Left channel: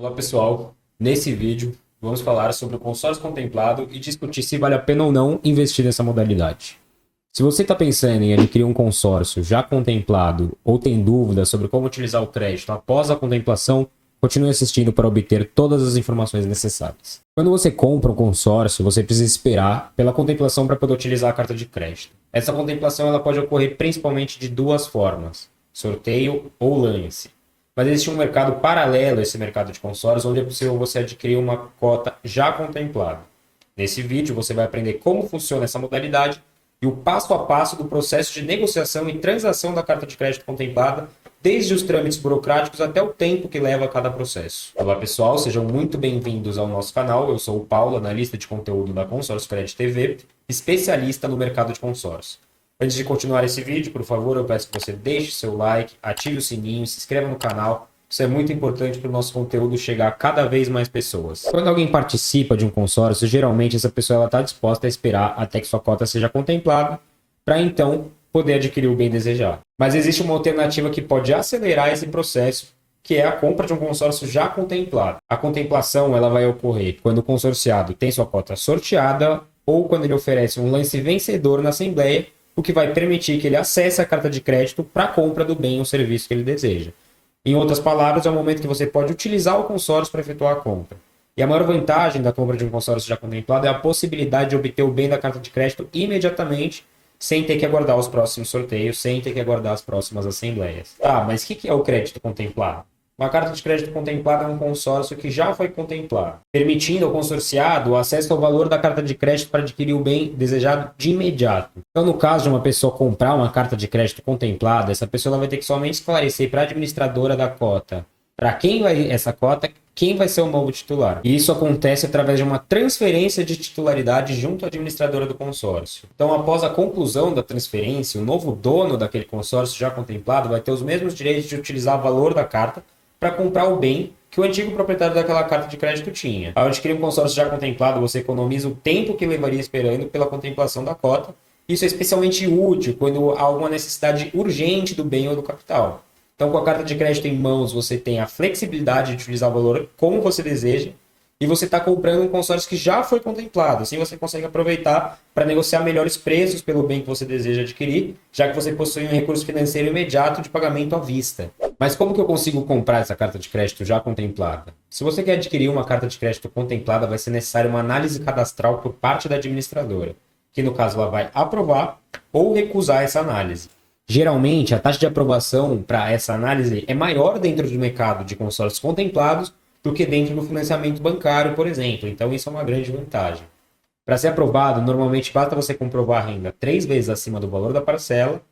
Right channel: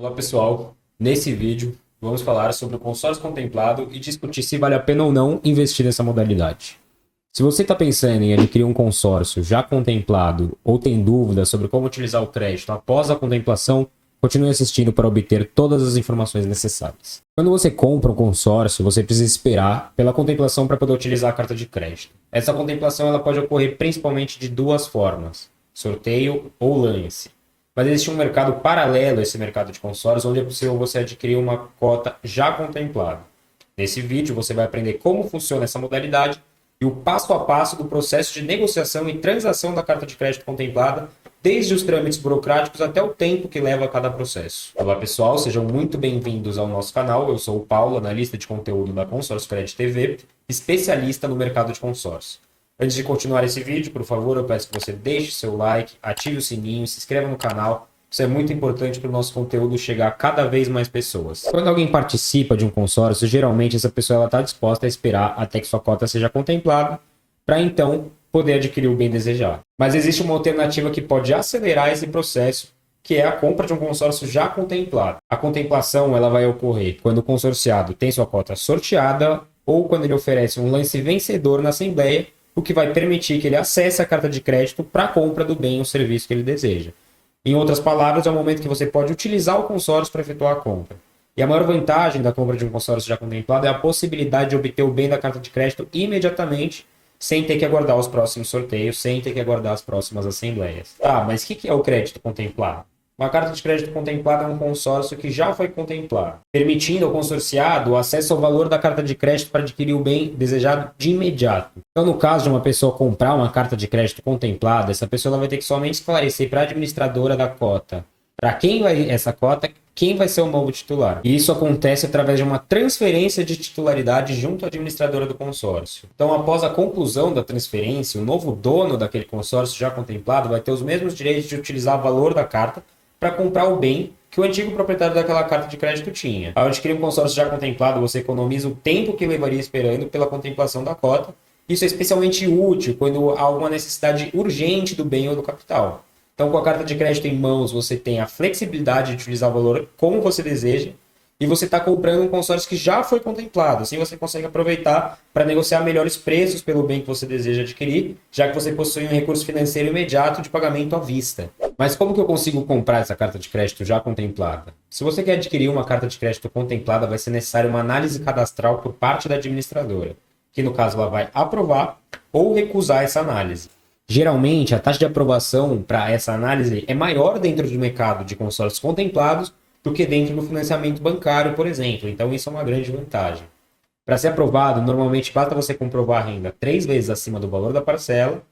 Olá pessoal, nesse vídeo vamos falar sobre o consórcio contemplado e discutir se vale a pena ou não investir nessa modalidade. Se você está pensando em adquirir um consórcio já contemplado ou tem dúvidas sobre como utilizar o crédito após a contemplação, continue assistindo para obter todas as informações necessárias. Quando você compra um consórcio, você precisa esperar pela contemplação para poder utilizar a carta de crédito. Essa contemplação ela pode ocorrer principalmente de duas formas: sorteio ou lance. Mas existe um mercado paralelo a esse mercado de consórcios, onde é possível você adquirir uma cota já contemplada. Nesse vídeo você vai aprender como funciona essa modalidade e o passo a passo do processo de negociação e transação da carta de crédito contemplada, desde os trâmites burocráticos até o tempo que leva a cada processo. Olá pessoal, sejam muito bem-vindos ao nosso canal. Eu sou o Paulo, analista de conteúdo da Consórcio Credit TV, especialista no mercado de consórcio. Antes de continuar esse vídeo, por favor, eu peço que você deixe seu like, ative o sininho, se inscreva no canal. Isso é muito importante para o nosso conteúdo chegar a cada vez mais pessoas. Quando alguém participa de um consórcio, geralmente essa pessoa está disposta a esperar até que sua cota seja contemplada, para então poder adquirir o bem desejado. Mas existe uma alternativa que pode acelerar esse processo, que é a compra de um consórcio já contemplado. A contemplação ela vai ocorrer quando o consorciado tem sua cota sorteada ou quando ele oferece um lance vencedor na assembleia, o que vai permitir que ele acesse a carta de crédito para a compra do bem ou serviço que ele deseja. Em outras palavras, é o momento que você pode utilizar o consórcio para efetuar a compra. E a maior vantagem da compra de um consórcio já contemplado é a possibilidade de obter o bem da carta de crédito imediatamente, sem ter que aguardar os próximos sorteios, sem ter que aguardar as próximas assembleias. Ah, mas o que é o crédito contemplado? Uma carta de crédito contemplada é um consórcio que já foi contemplado, permitindo ao consorciado o acesso ao valor da carta de crédito para adquirir o bem desejado de imediato. Então, no caso de uma pessoa comprar uma carta de crédito contemplada, essa pessoa vai ter que somente esclarecer para a administradora da cota, para quem vai essa cota, quem vai ser o novo titular. E isso acontece através de uma transferência de titularidade junto à administradora do consórcio. Então, após a conclusão da transferência, o novo dono daquele consórcio já contemplado vai ter os mesmos direitos de utilizar o valor da carta para comprar o bem que o antigo proprietário daquela carta de crédito tinha. Ao adquirir um consórcio já contemplado, você economiza o tempo que levaria esperando pela contemplação da cota. Isso é especialmente útil quando há alguma necessidade urgente do bem ou do capital. Então, com a carta de crédito em mãos, você tem a flexibilidade de utilizar o valor como você deseja e você está comprando um consórcio que já foi contemplado. Assim você consegue aproveitar para negociar melhores preços pelo bem que você deseja adquirir, já que você possui um recurso financeiro imediato de pagamento à vista. Mas como que eu consigo comprar essa carta de crédito já contemplada? Se você quer adquirir uma carta de crédito contemplada, vai ser necessária uma análise cadastral por parte da administradora, que no caso ela vai aprovar ou recusar essa análise. Geralmente, a taxa de aprovação para essa análise é maior dentro do mercado de consórcios contemplados do que dentro do financiamento bancário, por exemplo. Então, isso é uma grande vantagem. Para ser aprovado, normalmente basta você comprovar a renda 3 vezes acima do valor da parcela.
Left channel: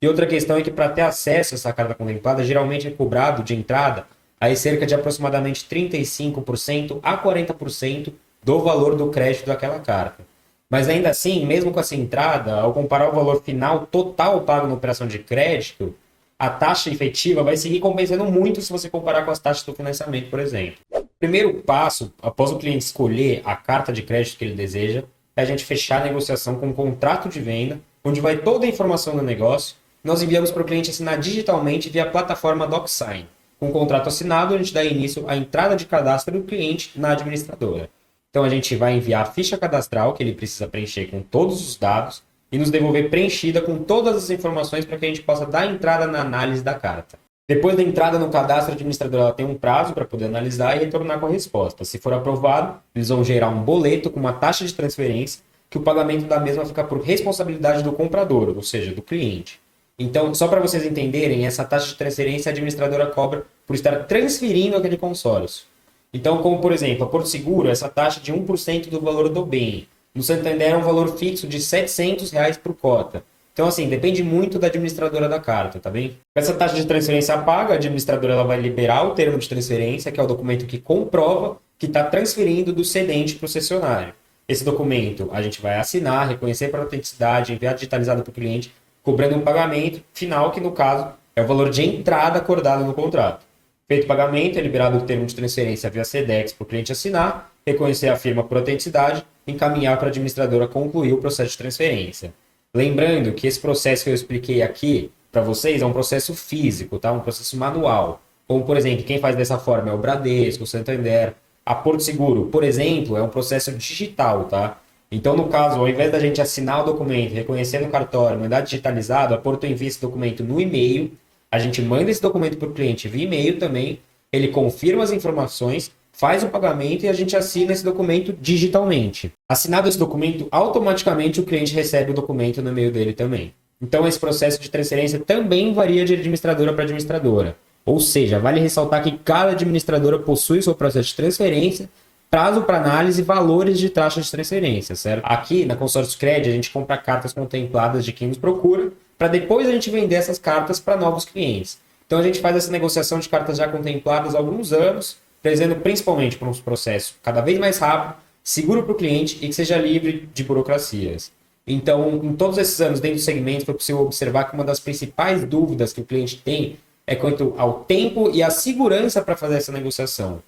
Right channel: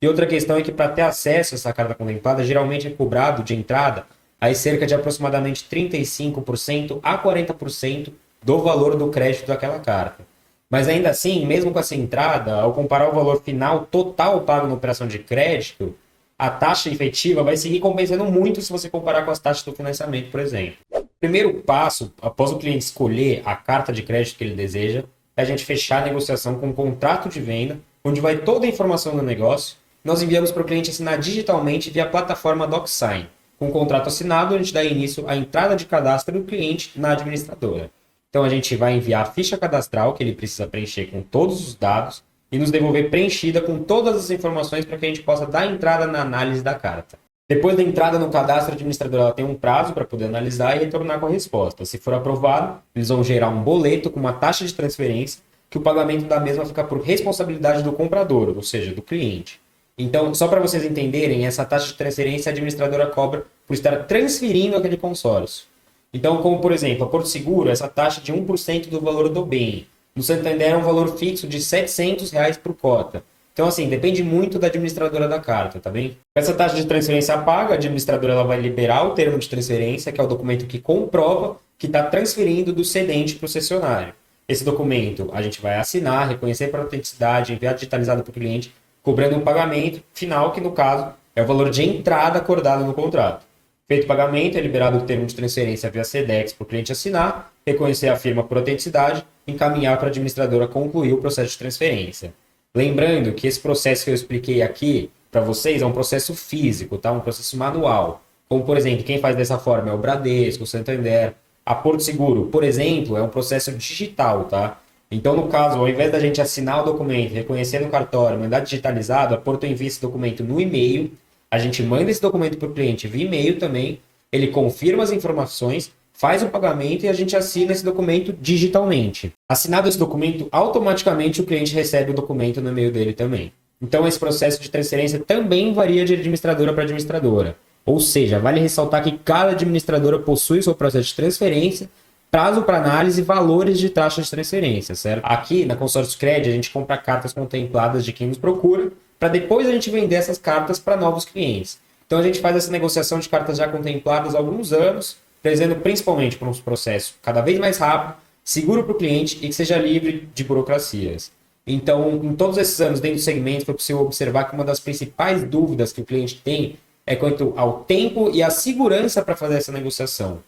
E outra questão é que para ter acesso a essa carta contemplada, geralmente é cobrado de entrada aí cerca de aproximadamente 35% a 40% do valor do crédito daquela carta. Mas ainda assim, mesmo com essa entrada, ao comparar o valor final total pago na operação de crédito, a taxa efetiva vai seguir compensando muito se você comparar com as taxas do financiamento, por exemplo. O primeiro passo, após o cliente escolher a carta de crédito que ele deseja, é a gente fechar a negociação com um contrato de venda, onde vai toda a informação do negócio. Nós enviamos para o cliente assinar digitalmente via plataforma DocSign. Com o contrato assinado, a gente dá início à entrada de cadastro do cliente na administradora. Então a gente vai enviar a ficha cadastral, que ele precisa preencher com todos os dados, e nos devolver preenchida com todas as informações para que a gente possa dar entrada na análise da carta. Depois da entrada no cadastro, a administradora tem um prazo para poder analisar e retornar com a resposta. Se for aprovado, eles vão gerar um boleto com uma taxa de transferência, que o pagamento da mesma fica por responsabilidade do comprador, ou seja, do cliente. Então, só para vocês entenderem, essa taxa de transferência a administradora cobra por estar transferindo aquele consórcio. Então, como por exemplo, a Porto Seguro, essa taxa de 1% do valor do bem. No Santander é um valor fixo de R$ 700 por cota. Então, assim, depende muito da administradora da carta, tá bem? Essa taxa de transferência paga, a administradora ela vai liberar o termo de transferência, que é o documento que comprova que está transferindo do cedente para o cessionário. Esse documento a gente vai assinar, reconhecer pela autenticidade, enviar digitalizado para o cliente, cobrando o pagamento final, que no caso é o valor de entrada acordado no contrato. Feito o pagamento, é liberado o termo de transferência via SEDEX para o cliente assinar, reconhecer a firma por autenticidade, encaminhar para a administradora concluir o processo de transferência. Lembrando que esse processo que eu expliquei aqui para vocês é um processo físico, tá? Um processo manual. como, por exemplo, quem faz dessa forma é o Bradesco, o Santander. A Porto Seguro, por exemplo, é um processo digital, tá? Então, no caso, ao invés da gente assinar o documento, reconhecer no cartório, mandar digitalizado, a Porto envia esse documento no e-mail, a gente manda esse documento para o cliente via e-mail também, ele confirma as informações, faz o pagamento e a gente assina esse documento digitalmente. Assinado esse documento, automaticamente o cliente recebe o documento no e-mail dele também. Então, esse processo de transferência também varia de administradora para administradora. Ou seja, vale ressaltar que cada administradora possui seu processo de transferência, prazo para análise e valores de taxa de transferência, certo? Aqui na Consórcio Cred, a gente compra cartas contempladas de quem nos procura, para depois a gente vender essas cartas para novos clientes. Então a gente faz essa negociação de cartas já contempladas há alguns anos, prezando principalmente por um processo cada vez mais rápido, seguro para o cliente e que seja livre de burocracias. Então, em todos esses anos dentro do segmento, foi possível observar que uma das principais dúvidas que o cliente tem é quanto ao tempo e à segurança para fazer essa negociação.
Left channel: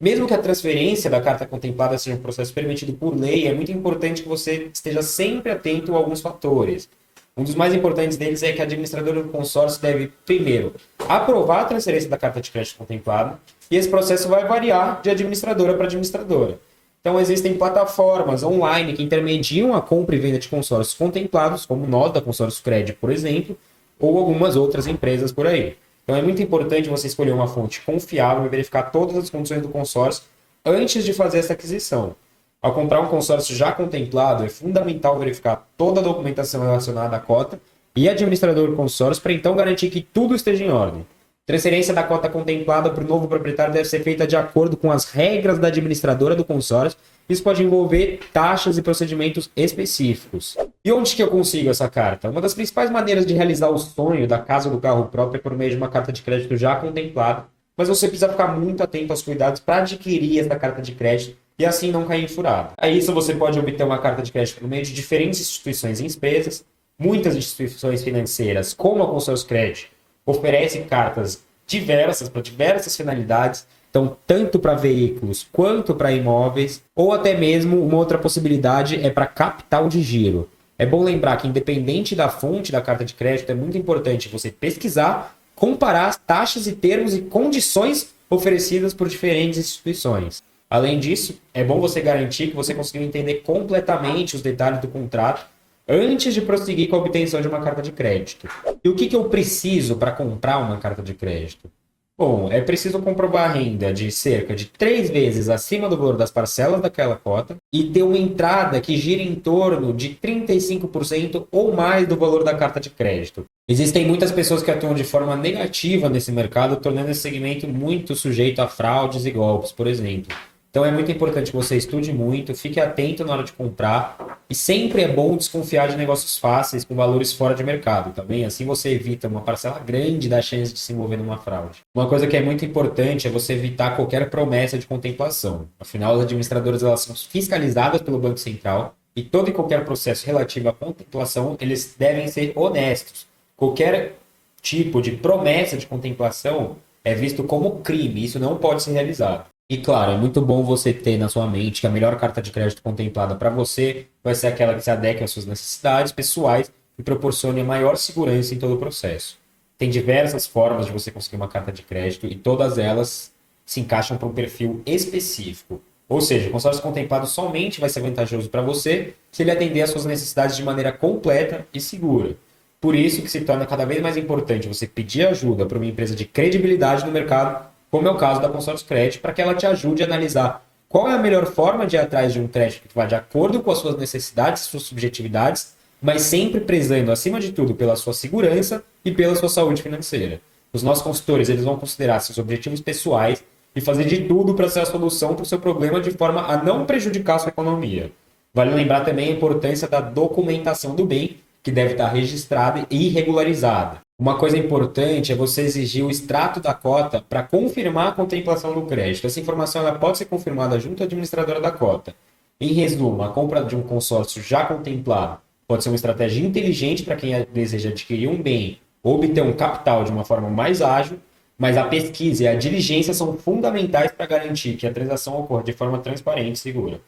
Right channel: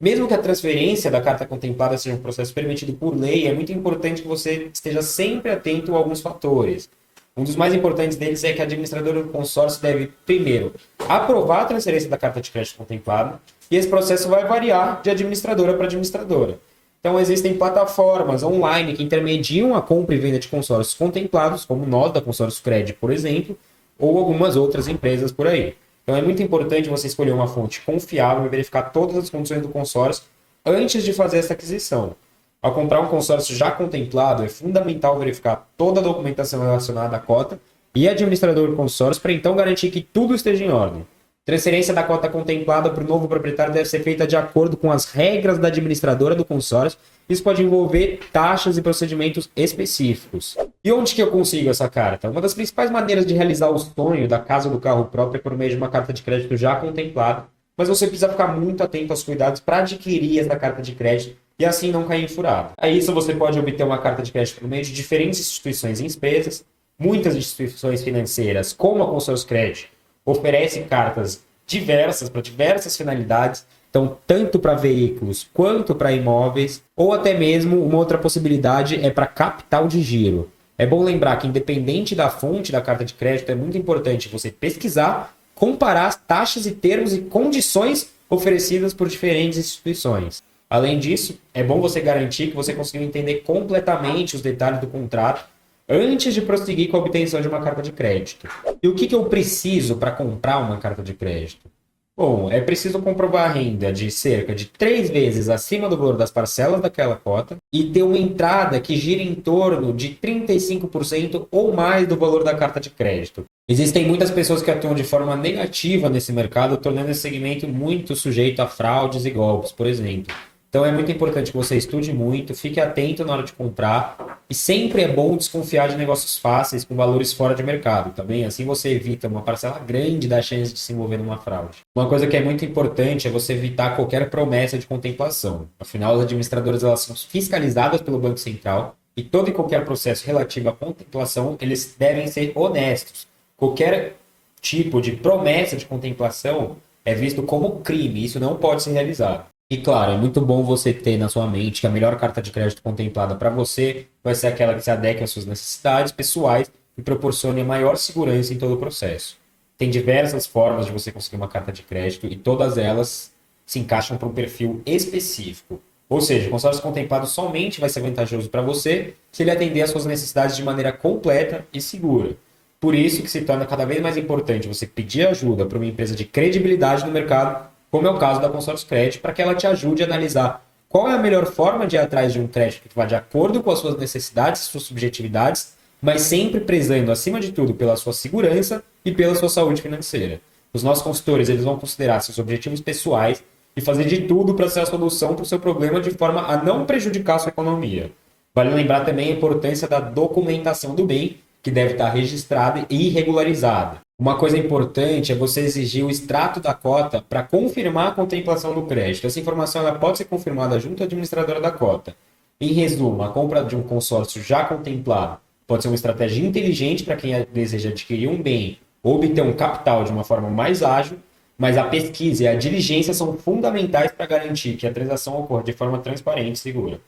Mesmo que a transferência da carta contemplada seja um processo permitido por lei, é muito importante que você esteja sempre atento a alguns fatores. Um dos mais importantes deles é que a administradora do consórcio deve, primeiro, aprovar a transferência da carta de crédito contemplada, e esse processo vai variar de administradora para administradora. Então, existem plataformas online que intermediam a compra e venda de consórcios contemplados, como nós da Consórcio Cred, por exemplo, ou algumas outras empresas por aí. Então, é muito importante você escolher uma fonte confiável e verificar todas as condições do consórcio antes de fazer essa aquisição. Ao comprar um consórcio já contemplado, é fundamental verificar toda a documentação relacionada à cota e administrador do consórcio para então garantir que tudo esteja em ordem. Transferência da cota contemplada para o novo proprietário deve ser feita de acordo com as regras da administradora do consórcio. Isso pode envolver taxas e procedimentos específicos. E onde que eu consigo essa carta? Uma das principais maneiras de realizar o sonho da casa do carro próprio é por meio de uma carta de crédito já contemplada, mas você precisa ficar muito atento aos cuidados para adquirir essa carta de crédito e assim não cair em furada. A isso você pode obter uma carta de crédito por meio de diferentes instituições e empresas. Muitas instituições financeiras, como a Consórcio Cred, oferecem cartas diversas para diversas finalidades, então tanto para veículos quanto para imóveis, ou até mesmo uma outra possibilidade é para capital de giro. É bom lembrar que independente da fonte da carta de crédito, é muito importante você pesquisar, comparar as taxas e termos e condições oferecidas por diferentes instituições. Além disso, é bom você garantir que você conseguiu entender completamente os detalhes do contrato antes de prosseguir com a obtenção de uma carta de crédito. E o que eu preciso para comprar uma carta de crédito? Bom, é preciso comprovar a renda de cerca de 3 vezes acima do valor das parcelas daquela cota e ter uma entrada que gira em torno de 35% ou mais do valor da carta de crédito. Existem muitas pessoas que atuam de forma negativa nesse mercado, tornando esse segmento muito sujeito a fraudes e golpes, por exemplo. Então é muito importante que você estude muito, fique atento na hora de comprar e sempre é bom desconfiar de negócios fáceis com valores fora de mercado, tá bem? Assim você evita uma parcela grande da chance de se envolver numa fraude. Uma coisa que é muito importante é você evitar qualquer promessa de contemplação. Afinal, as administradoras elas são fiscalizadas pelo Banco Central e todo e qualquer processo relativo à contemplação, eles devem ser honestos. Qualquer tipo de promessa de contemplação é visto como crime, isso não pode ser realizado. E claro, é muito bom você ter na sua mente que a melhor carta de crédito contemplada para você vai ser aquela que se adequa às suas necessidades pessoais e proporcione maior segurança em todo o processo. Tem diversas formas de você conseguir uma carta de crédito e todas elas se encaixam para um perfil específico. Ou seja, o consórcio contemplado somente vai ser vantajoso para você se ele atender às suas necessidades de maneira completa e segura. Por isso que se torna cada vez mais importante você pedir ajuda para uma empresa de credibilidade no mercado, como é o caso da Consórcio Cred, para que ela te ajude a analisar qual é a melhor forma de ir atrás de um crédito que vá de acordo com as suas necessidades, suas subjetividades, mas sempre prezando, acima de tudo, pela sua segurança e pela sua saúde financeira. Os nossos consultores eles vão considerar seus objetivos pessoais e fazer de tudo para ser a solução para o seu problema de forma a não prejudicar a sua economia. Vale lembrar também a importância da documentação do bem, que deve estar registrada e regularizada. Uma coisa importante é você exigir o extrato da cota para confirmar a contemplação do crédito. Essa informação ela pode ser confirmada junto à administradora da cota. Em resumo, a compra de um consórcio já contemplado pode ser uma estratégia inteligente para quem deseja adquirir um bem ou obter um capital de uma forma mais ágil, mas a pesquisa e a diligência são fundamentais para garantir que a transação ocorra de forma transparente e segura.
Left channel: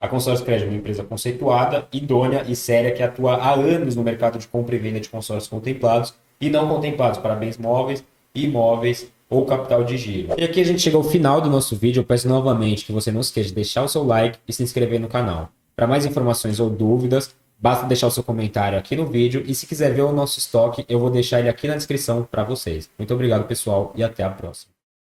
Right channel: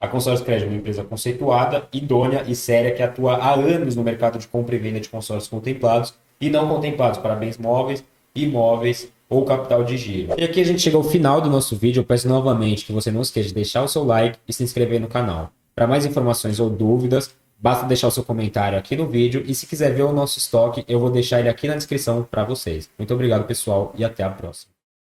A Consórcio Cred é uma empresa conceituada, idônea e séria que atua há anos no mercado de compra e venda de consórcios contemplados e não contemplados para bens móveis, imóveis ou capital de giro. E aqui a gente chega ao final do nosso vídeo. Eu peço novamente que você não esqueça de deixar o seu like e se inscrever no canal. Para mais informações ou dúvidas, basta deixar o seu comentário aqui no vídeo. E se quiser ver o nosso estoque, eu vou deixar ele aqui na descrição para vocês. Muito obrigado, pessoal, e até a próxima.